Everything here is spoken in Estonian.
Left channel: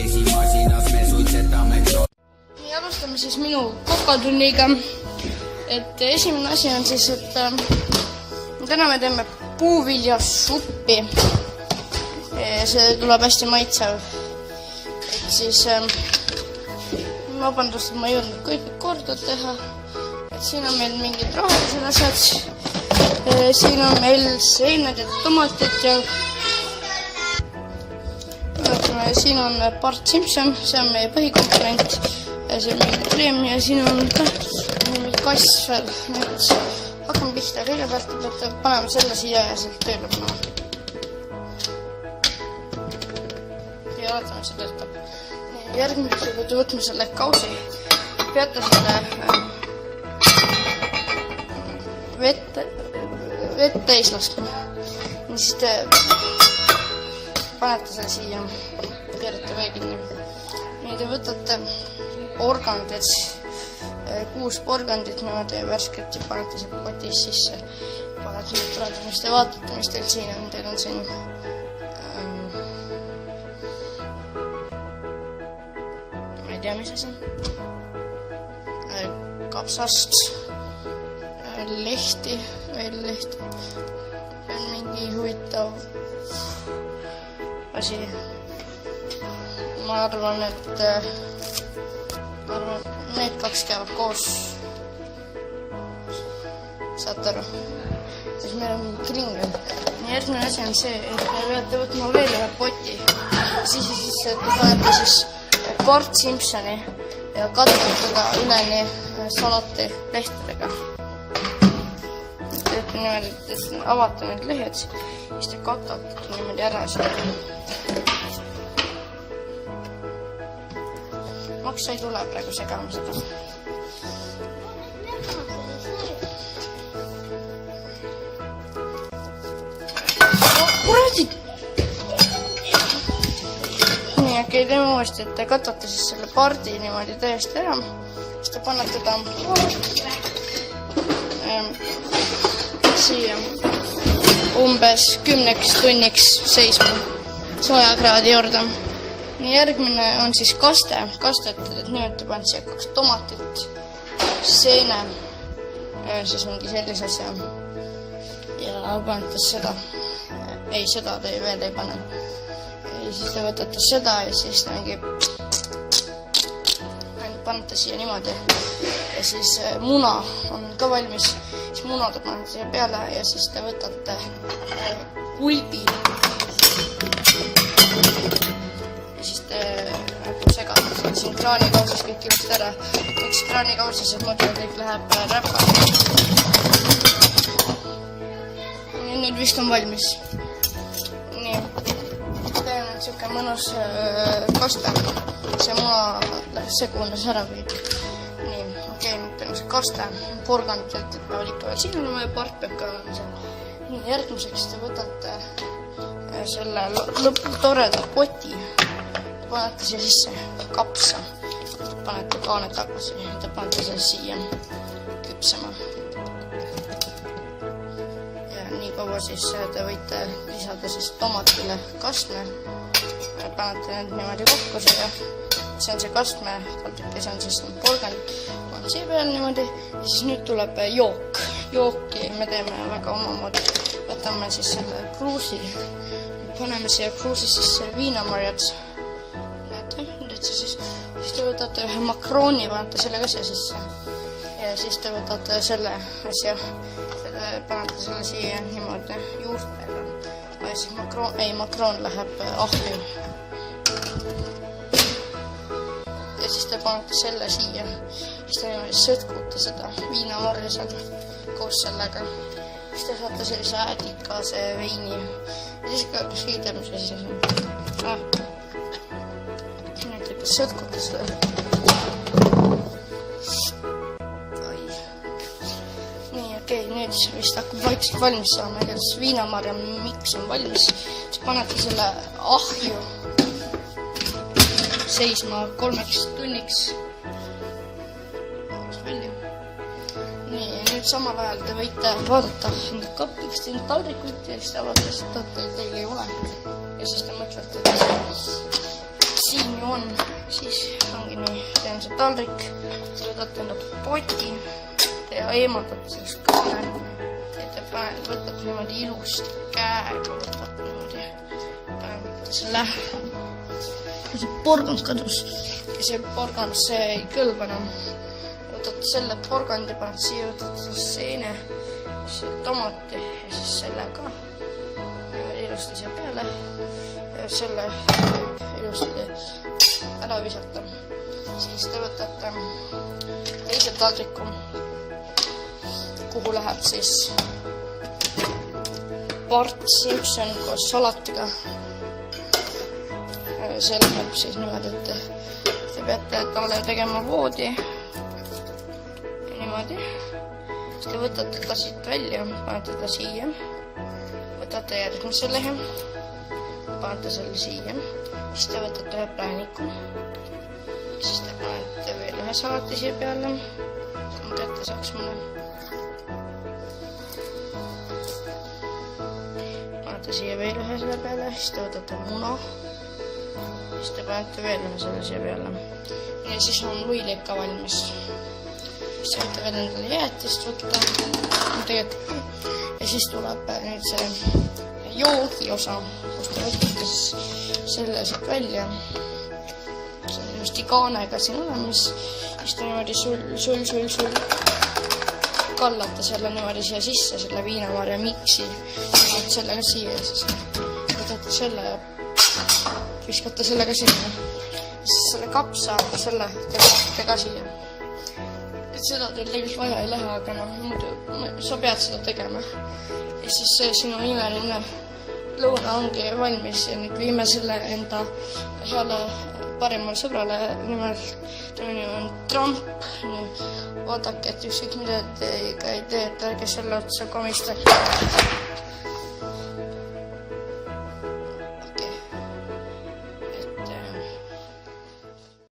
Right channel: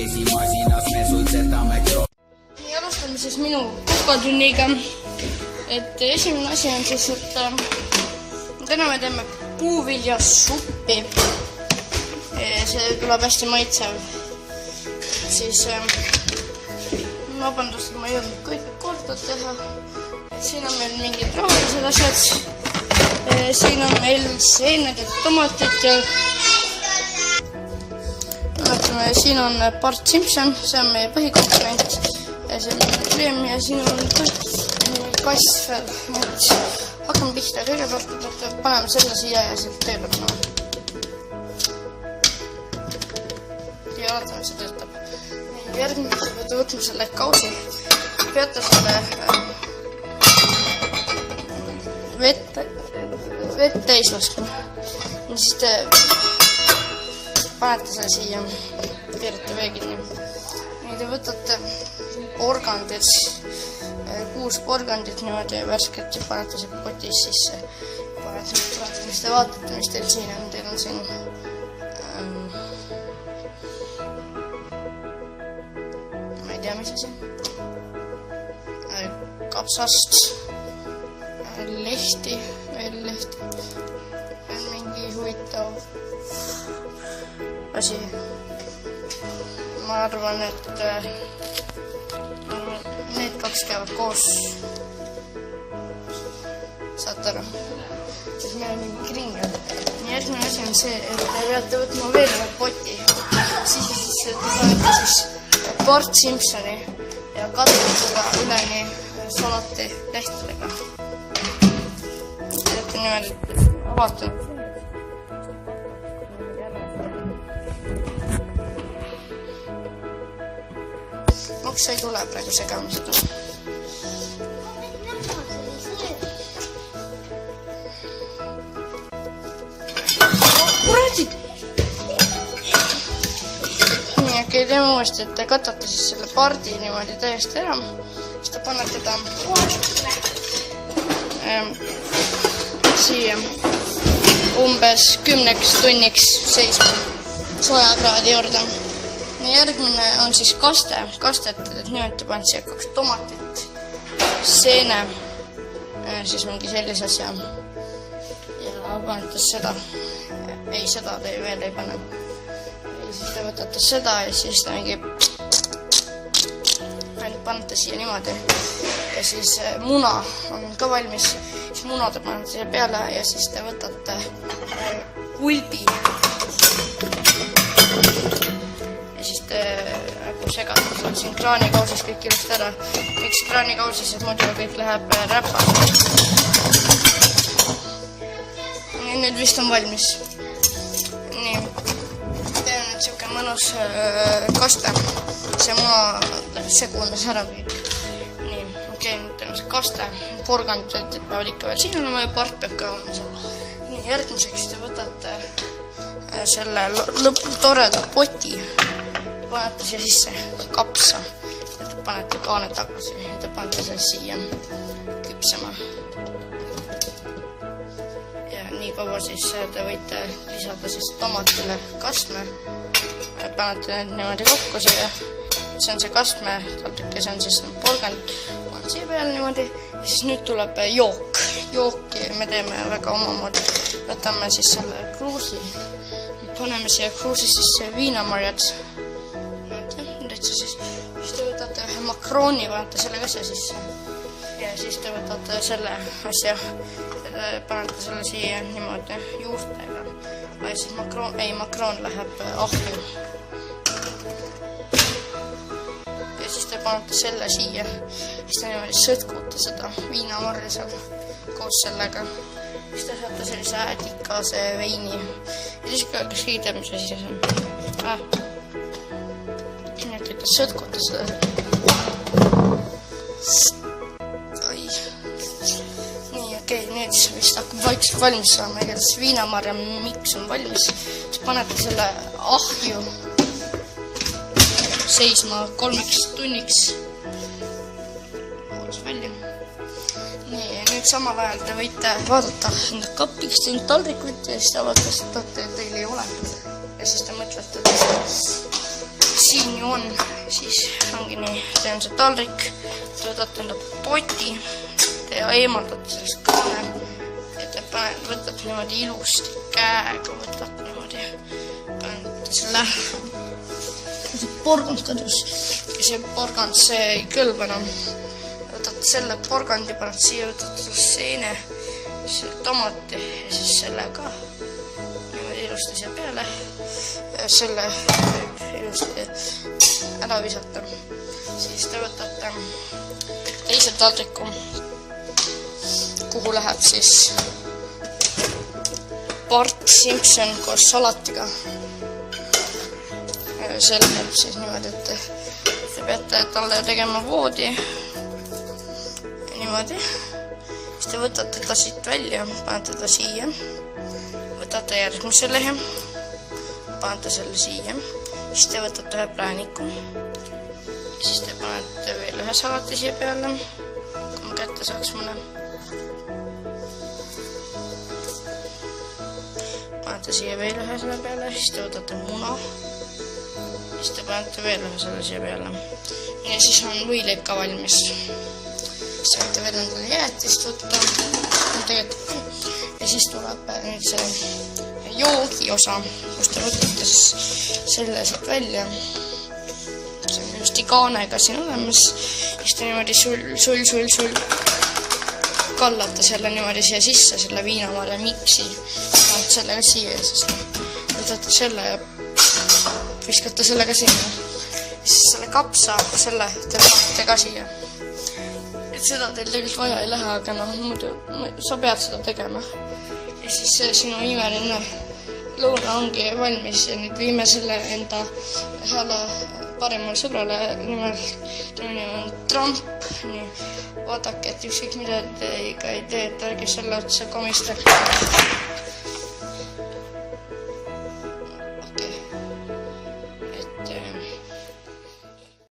käsimasinas me suitsetame Alustame siis minu kokatunniga. Et esimene asi on siis, et täna me teeme puuviljasuppi. See tuleb hästi maitsev. Et siis vabandust, et ma ei jõudnud kõik korda teha. Et siin on meil mingid rohkesed asjad. Siin on meil seened ja tomatid ja siin on Bart Simpson, see on meie põhikomponent ja see on meie kreem ja siin on kass veel. Hakkame pihta kõigepealt, et paneme selle siia ja sealt tööle. Ja oletame, see töötab. Järgmine peate võtma selle kausi. Peate selle vett täis laskma. Siis te panete selle siia. Nüüd te võtate porgandid, 6 porgandit niimoodi värsket ja panete seda kotis sisse. Panete tuletada, mis te vaatate, mis teil siin on. Teil on siin ma ei tea, mis asi. Kapsast, lehti, veel lehti. Veel mingi huvitav asi. Ma arvan, et need 2 käivad koos. Saate aru? Siis meil on mingi kringel. Järgmine asi on see, et te peate võtma veel ühe poti. Siis te panete siis Bart Simpsoni ja katate seda üleni salati lehtedega. Teete niimoodi, et avate need lehed, siis te katate niimoodi ära seda. See ei tule praegu segamist. Kuradi! Nii, äkki teeme uuesti, et te katate siis selle pardi niimoodi täiesti ära. Siis te panete ta siia umbes 10 tunniks seisma soojakraadi juurde. Järgmine on siis kaste. Kastet niimoodi paned siia 2 tomatit, seene, siis mingi sellise asja. Ja panete seda. Ei, seda te veel ei pane. Ja siis te võtate seda ja siis mingi panete siia niimoodi. Ja siis muna on ka valmis. Siis muna te panete siia peale ja siis te võtate kulbi. Siin kraanikausis kõik ilusti ära. Üks kraanikausis, et muidu kõik läheb räppa. Nüüd vist on valmis. Nii. Teen nüüd siuke mõnus kaste. See maa läheb segunes ära kõik. Nii, okei, teeme see kaste. Porgandid peavad ikka veel siin olema ja part peab ka olema seal. Nii, järgmiseks te võtate selle lõpptoreda poti. Panete siia sisse kapsa. Panete kaane tagasi. Te panete selle siia küpsema. Ja nii kaua siis te võite lisada siis tomatile kastme. Panete niimoodi kokku siia. See on see kastme. See on siis porgand. Panete siia peale niimoodi. Ja siis nüüd tuleb jook. Jooki me teeme väga omamoodi. Võtame siis selle kruusi. Paneme siia kruusi sisse viinamarjad. Siis te võtate ühe makrooni, panete selle asja sisse ja siis te võtate selle asja, panete selle siia niimoodi juurde ja siis makroon läheb ahju ja siis te panete selle siia ja siis te niimoodi sõtkute seda viinamarja seal koos sellega siis te saate sellise äädikase veini ja siis ka üks liidab, mis asi see sõtkute seda. Nii, okei, nüüd vist hakkab vaikselt valmis saama, igatahes viinamarja miks on valmis. Siis panete selle ahju seisma 3 tunniks. Nii, nüüd samal ajal te võite vaadata kapiks teinud taldrikut ja siis te avatastate, et teil ei ole. Ja siis te mõtlete, et siin joon eemaldada sellest kaane. Et võtad niimoodi ilusti käega, võtad niimoodi, paned selle porgand kadus. Ja see porgand, see ei kõlba enam. Võtad selle porgandi, paned siia, võtad seene, selle tomati ja siis sellega ilusti siia peale. Ja selle ilusti ära visata. Siis te võtate teise taldriku, kuhu läheb siis Bart Simpson koos salatiga. Selle läheb siis niimoodi, et te peate talle tegema voodi. Niimoodi. Siis te võtate ta siit välja, panete ta siia. Võtate järgmise lehe, panete selle siia. Siis te võtate ühe prääniku. Ja siis te panete veel ühe salati siia peale. Kui kätte saaks mulle. Panete siia veel ühe selle peale. Siis te võtate muna. Siis te panete veel ühe selle siia peale. Ja siis on võileid ka valmis. Siis te võite veel endale jäätist võtta. Ja siis tuleb nüüd see joogi osa, kus te võtate selle sealt välja. See on just kaanega siin olemas. Siis te niimoodi sul kallate selle niimoodi siia sisse, selle viinamarja miksi. Sellega siia ja siis võtate selle ja viskate sellega siia. Siis selle kapsa, selle te ka siia. Et seda teil tegelikult vaja ei lähe, aga muidu sa pead seda tegema. Ja siis sinu imeline lõuna ongi valmis ja nüüd võime selle enda heale paremal sõbrale nimel Trump. Nii, vaadake, et ükskõik mida